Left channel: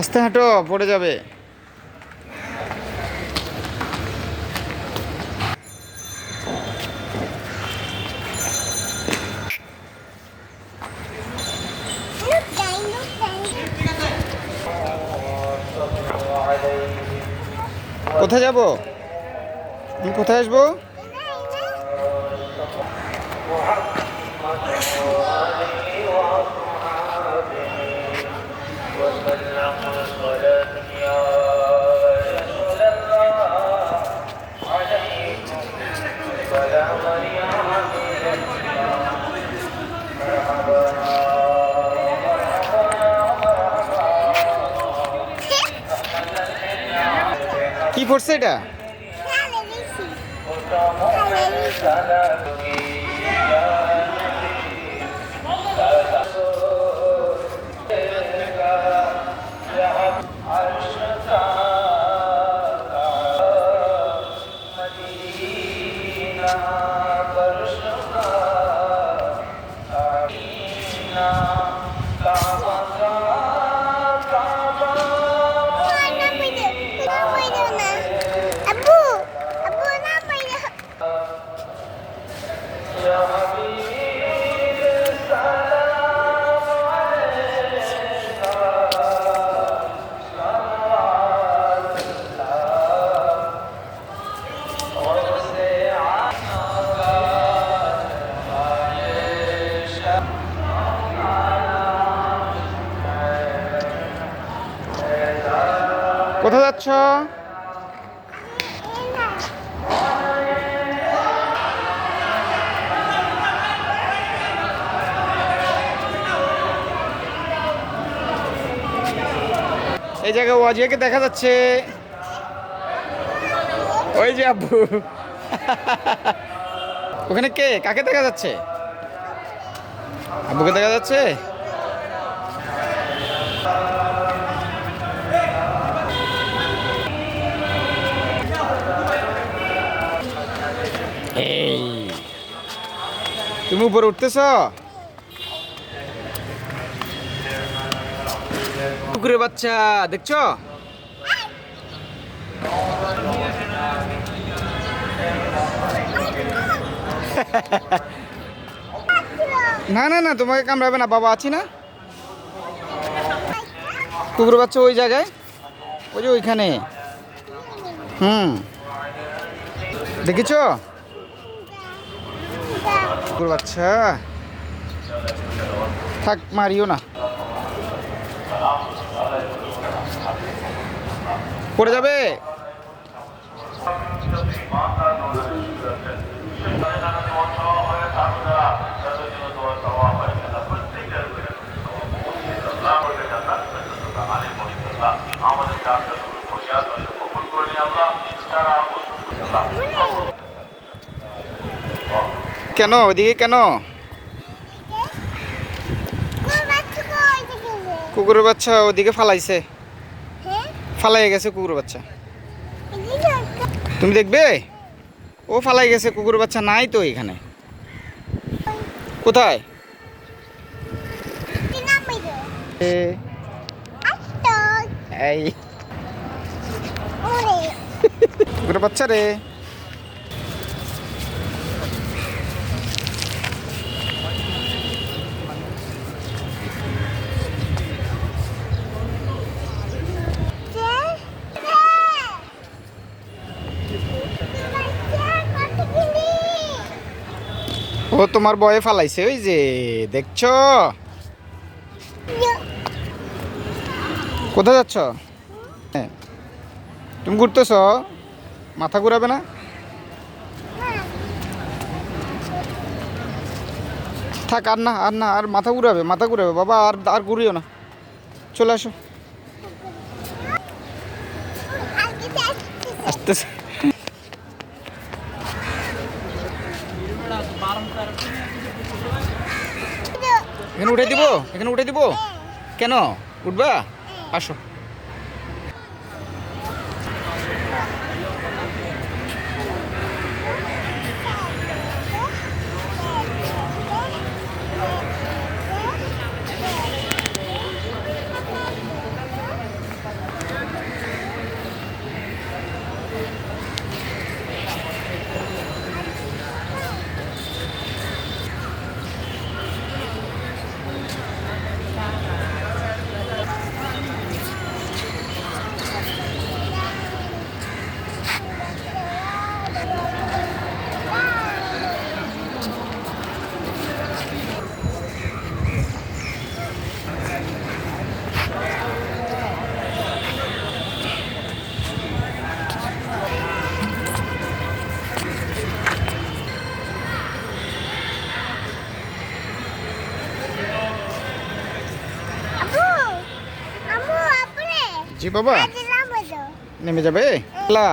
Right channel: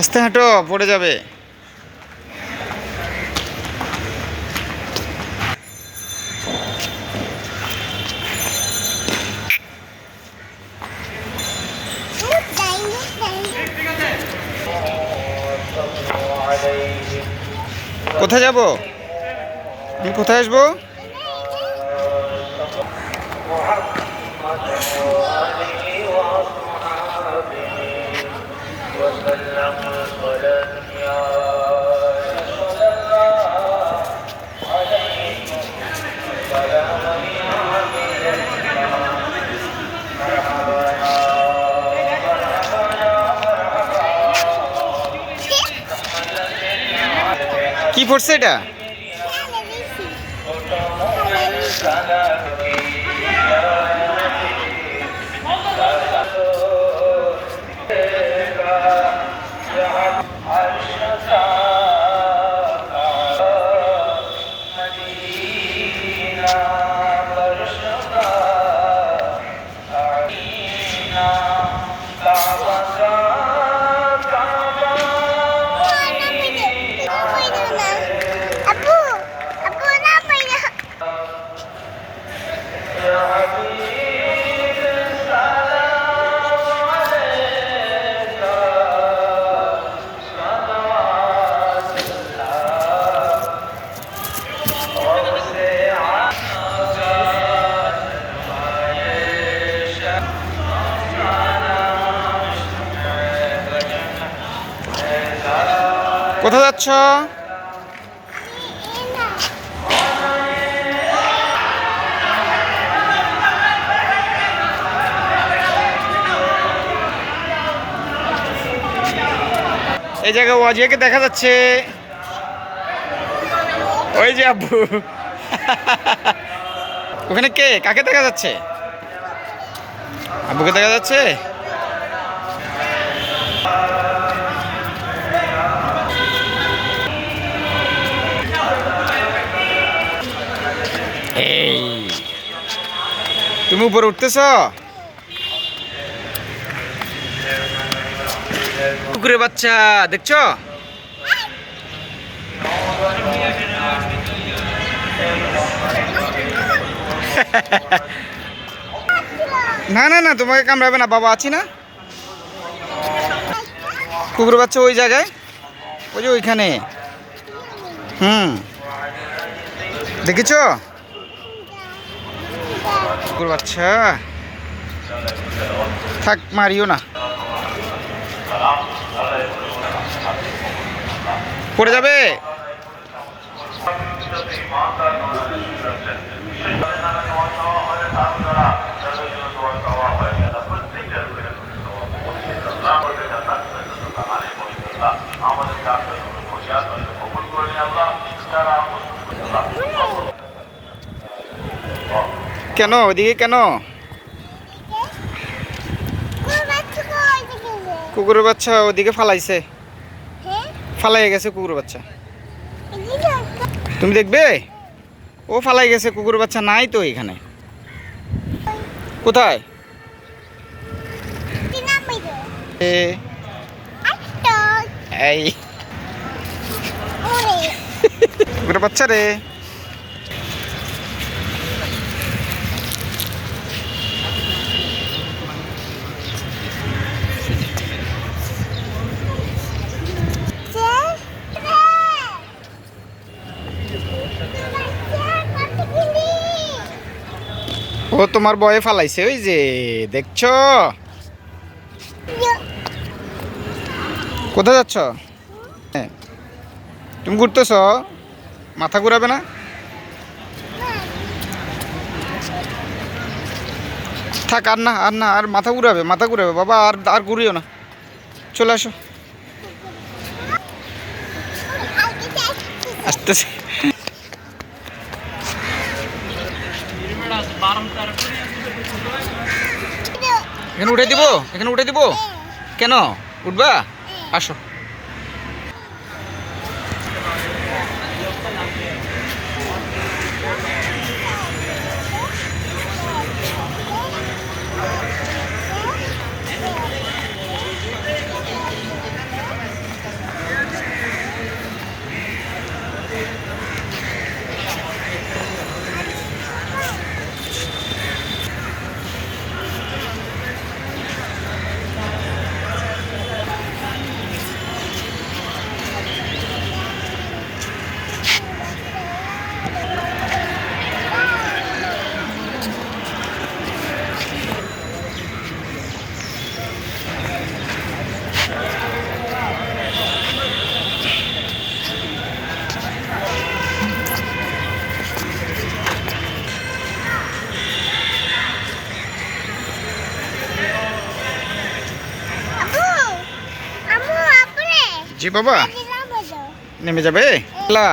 আস্তে হাঁটো পড়ে যাবে। কোথায় যাব? আমি কোথায় আসব? কি পড়ছে এটা? কোথায় যাচ্ছ? এই জায়গায় ওয়াজিয়াকে দেখা যাচ্ছে। ওই যে আব্বু। ওখানে কে? কাকে দেখা যাচ্ছে? আব্বুকে দেখা যাচ্ছে? তুমি উপরে উঠতেছ? কুকুরের বাচ্চা, দেখছ? না না না, তোমাকে কামড়াবে না, বাবা আছি না। কুকুরের বাচ্চা ওই জায়গায়? ওই যে ওইখানে। হুম। দেখেছ? কুকুর বাচ্চা। থাক মারিও না। পড়ে যাবে? কেন? ওইদিকে কেন? কুকুরের বাচ্চা ওদিকে ফালাইছে। ফালাই গেছে কুকুরের বাচ্চা। তুমি দেখবে? ও ফালাই গেছে কুকুরের বাচ্চা নাই তো এখানে। কোথায়? এই। কুকুরের বাচ্চা রে। ও তোমার বয়ে ফালাইছে, ওই যে, দেখছ? কোথায় যাচ্ছ? হ্যাঁ। তুমি ঘুরতেছ? মাথা ঘুরাবে না? থাক, আর না আর না, আর মাথা ঘুরাবে মাথা ঘুরাবে, বাবা, আর আর ঘুরিও না। চলে আসো। আসতেছে। এখানে উঠে দিব? এখানে উঠে দিব? কেন? উঠবা? আসো। জি বাবা। নেমে যাবে? লা।